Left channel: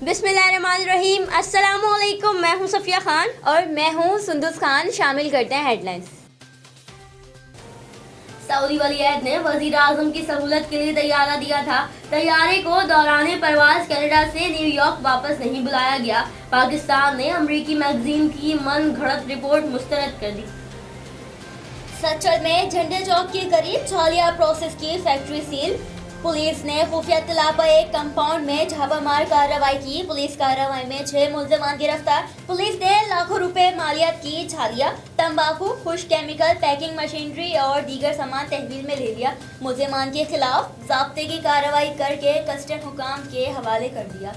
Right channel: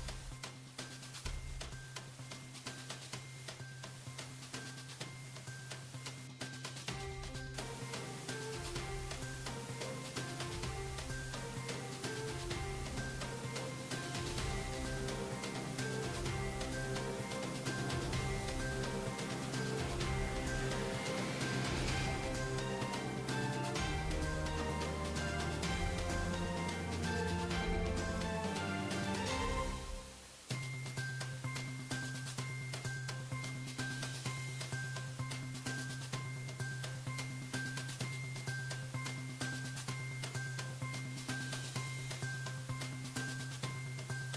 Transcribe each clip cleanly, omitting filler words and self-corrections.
बिस्मिल्लाहिर्रहमानिर्रहीम। अस्सलामुअलैकुम। मैं हूं सफिया खान और मैं हूं सुंदुस खान। शामिल करते हैं हेडलाइंस। सऊदी वलीअहद ने वजीर आजम की सहूलत के लिए तैयारा दिया था। तैयारे को दौरान परवाज कनाडा से न्यूयॉर्क वापस नहीं बुलाया गया। पाकिस्तान ने अमरीकी मैगजीन की मन घड़त रिपोर्ट मुस्तरद कर दी। सच्चर में झंडे चौक के करीब छालिया प्रोसेस की फैक्ट्री सील। पुलिस ने खुफिया इत्तला पर एक कंपाउंड में छापामार कार्रवाई की। पुलिस कार्रवाई में 6 मुलजमान गिरफ्तार। पुलिस ने लाखों रुपए मालियात की छालिया। तंबाकू, खुश केमिकल, पैकिंग मशीनरी और दीगर सामान तहवील में ले लिया। मुलजमान के खिलाफ ज़ाब्ते की कार्रवाई करके कस्टम हुकाम के हवाले कर दिया।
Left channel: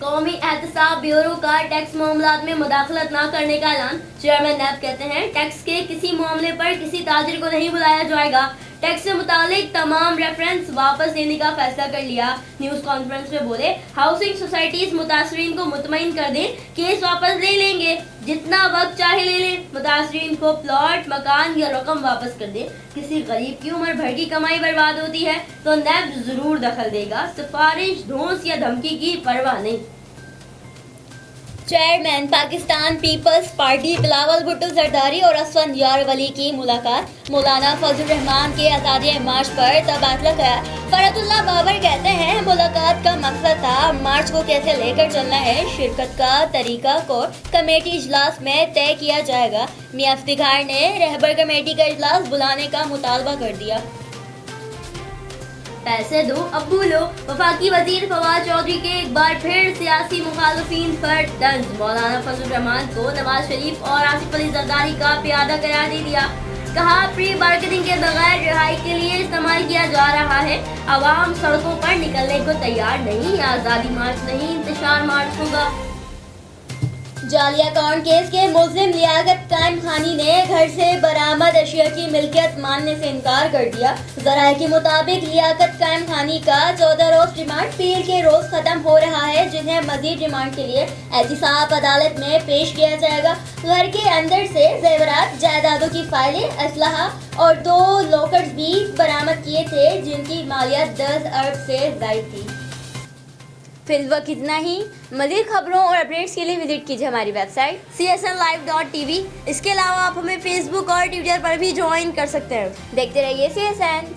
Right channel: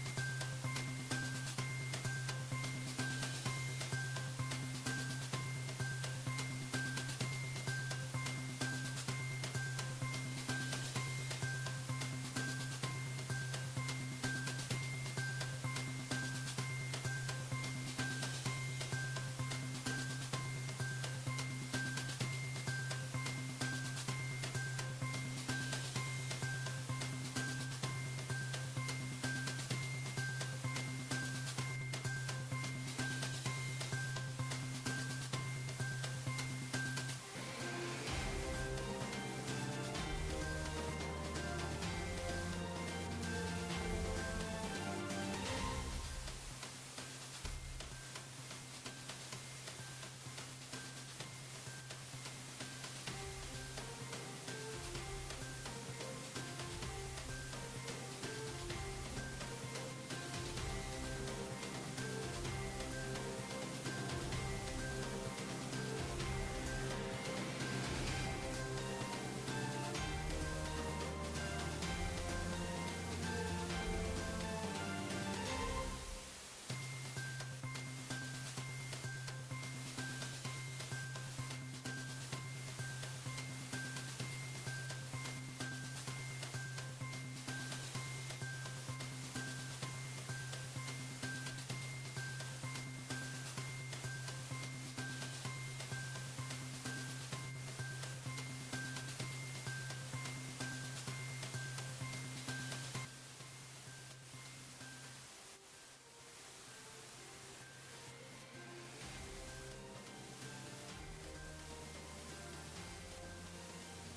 कौमी एहतसाब ब्यूरो का टैक्स मामलात में मुदाखलत न करने का ऐलान। चेयरमैन नैब कहते हैं टैक्स के किसी मामले पर किसी ताजिर को नहीं बुलाया जाएगा। टैक्स से मुतालिक तमाम रेफरेंस वापस लेने का फैसला कर लिया। न्यूज कॉन्फ्रेंस में बोले हाउसिंग सोसाइटीज मुतासरीन को मुतमईन कर दें, केस वापस ले लेंगे, जितना वक्त चाहे ले लें। मुतासरीन को प्लॉट, मकान या रकम वापस कर दें। किसी गरीब की उम्र भर की कमाई बर्बाद होती है तो नैब जरूर दखल देगा। सिफारिश, धौंस या धमकी की परवाह नहीं। चेयरमैन पाकिस्तान पीपल्स पार्टी बिलावल भुट्टो जरदारी और असफंद यार वली की मुलाकात। मौलाना फजल रहमान के आज़ादी मार्च पर तबादला किया। फरतुल्लाह बाबर कहते हैं मुलाकात का मकसद था मार्च को कैसे लेकर चलना है। शिरकत का तरीका को कमेटी इजलास में तय किया जाएगा। मियां इफ्तिखार ने रहबर कमेटी का इजलास बुलाने का मुतालबा कर दिया। पैसे दो अब भूलो। वफाकी वजीर फवाद चौधरी के एक बार फिर सियासी मुखालफिन पर तंज। मौलाना फजल रहमान को नवाज शरीफ और आसिफ अली जरदारी का प्यादा करार दे दिया। कहा प्री मार्केटिंग के बगैर रिहाई के लिए इस्तेमाल किया जा रहा है। आवाम सड़कों पर निकलने को तैयार नहीं। आज़ादी मार्च नहीं, इंतशार मार्च होगा। जाली अकाउंट केस के मुल्जिम लियाकत कायम खानी ने घर से बरामद अशिया की मिल्कियत मानने से इनकार कर दिया। ज़राए के मुताबिक लियाकत कायम खानी का 14 रोज रिमांड पीर के रोज खत्म हो रहा है, जिन्हें मजीद रिमांड के लिए एहतिसाब अदालत में पेश किया जाएगा। घर के अंदर से जेवरात, जायदादों की फाइलें, असलहा और 2 लॉकर्स भी बरामद किए थे, जिनकी मालियत 10 अरब से ज़ायद थी। फिल वक्त इतना ही। मज़ीद खबरों और अपडेट्स के लिए विजिट कीजिए हमारी वेबसाइट csnlive.tv। इसके अलावा आप हमें फेसबुक और ट्विटर पर भी ज्वाइन कर सकते हैं। देखते रहिए CSN।